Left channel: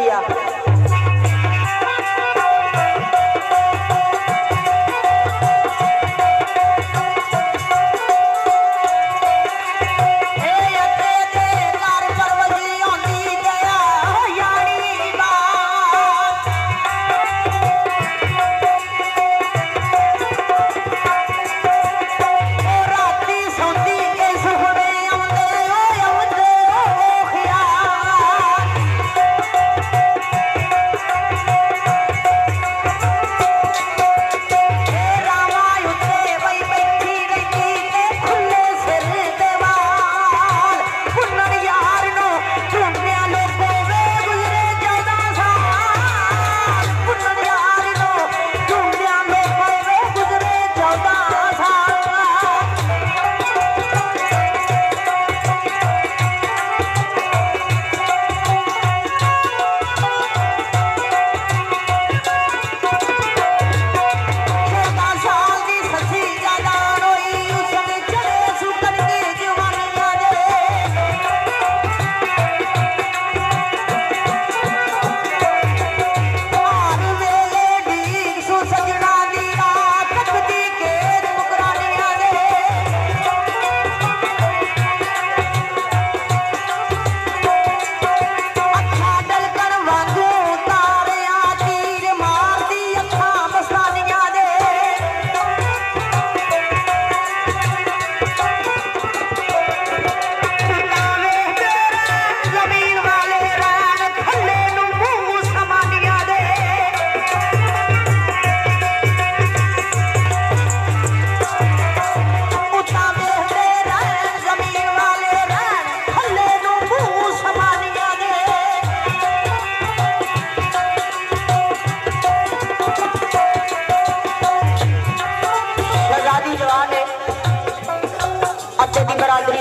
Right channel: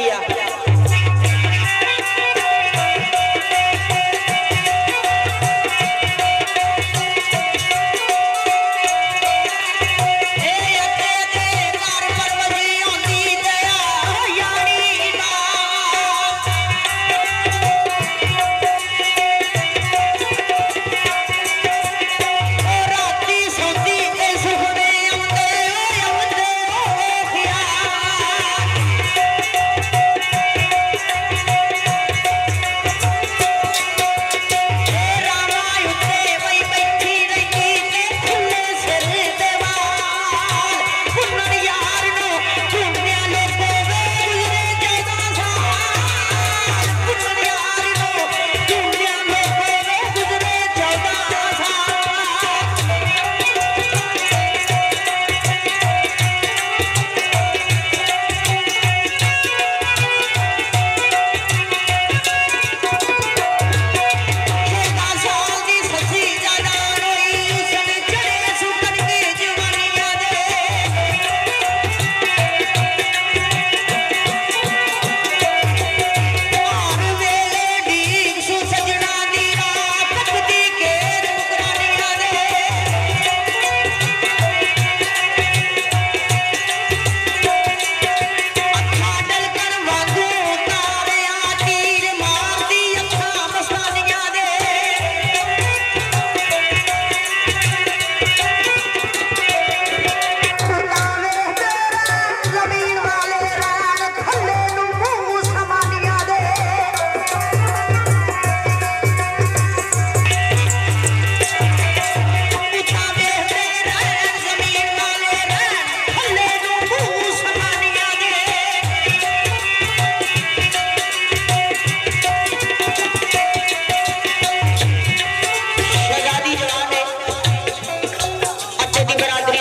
किया।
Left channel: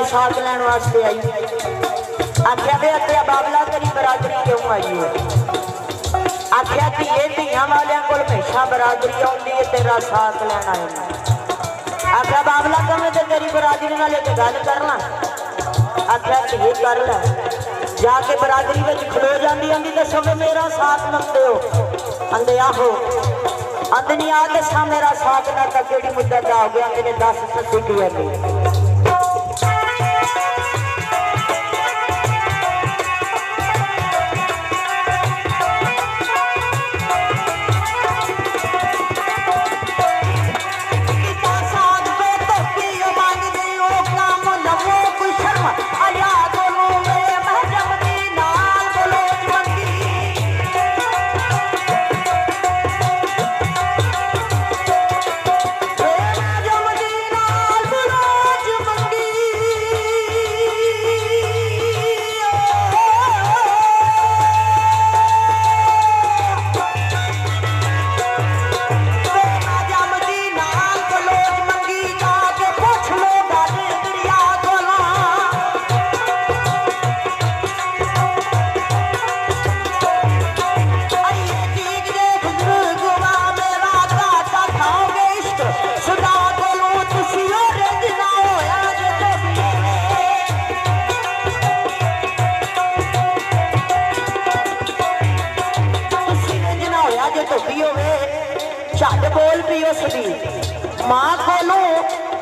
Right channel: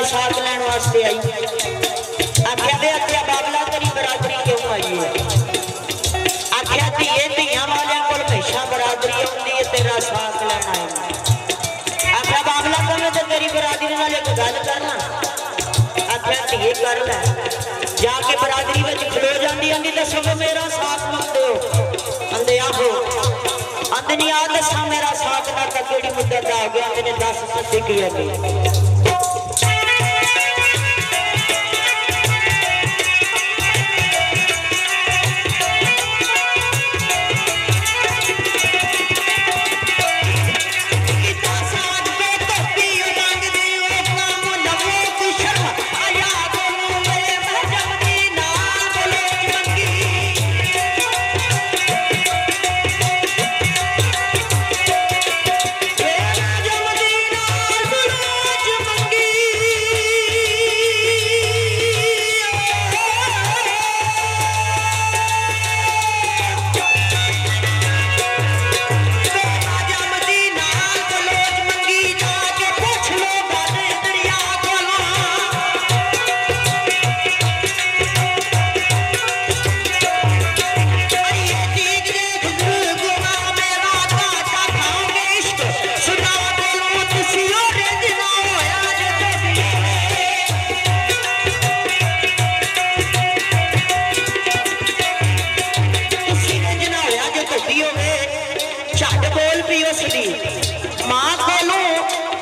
साथ लैन वास्ते आई। आख्या वे अत्या बाबला तेरी बरादरी क्यों आई है? आख्या धीए धियां वालियां कोल हमेशा बरादरी आउंदी है, तेरा साथ लैन आया। आख्या बाबला कमे तो तेरी बरादरी नाल एक गल करना। आख्या धीए कर लै। जाके बरादरी विच खलो जांदी आंदी दसो वे मेरा साथ मंगदे हो? आंदे आहो। आंदे नहीं आ दसा मेरा साथ ना तां केड़ी मुद्दत आ गया? आंदे ने दस सच्ची की आंदी मां कोलू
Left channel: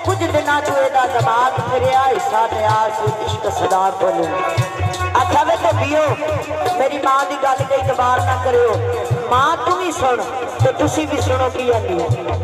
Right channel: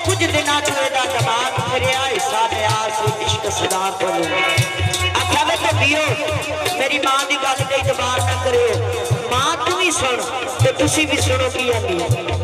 कुछ दिनों चेदा दमाग फिरिया हिस्सा न्यास इश्क सदा कोलू। आख्या वे तो पियो मेरी मां की गल ते इतबार ना करो। मां तू भी सुन ते तुसी भी सुनो की आंदी।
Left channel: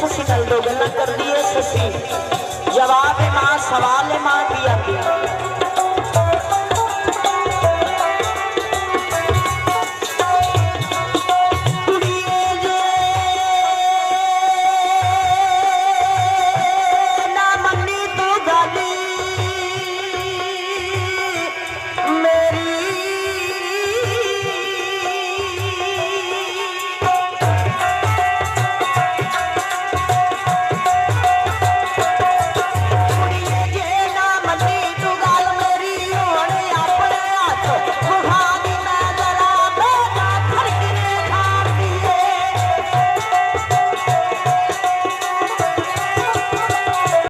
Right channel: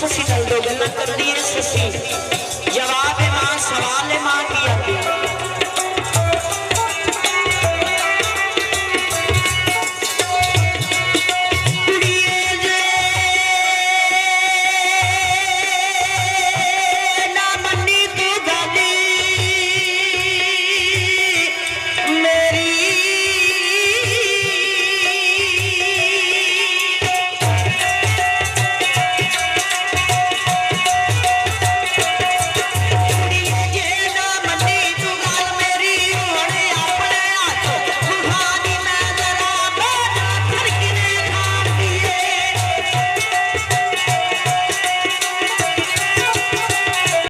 ससी नल दो गल्लां कर दी है ससी जवाब है मां सवाल है मां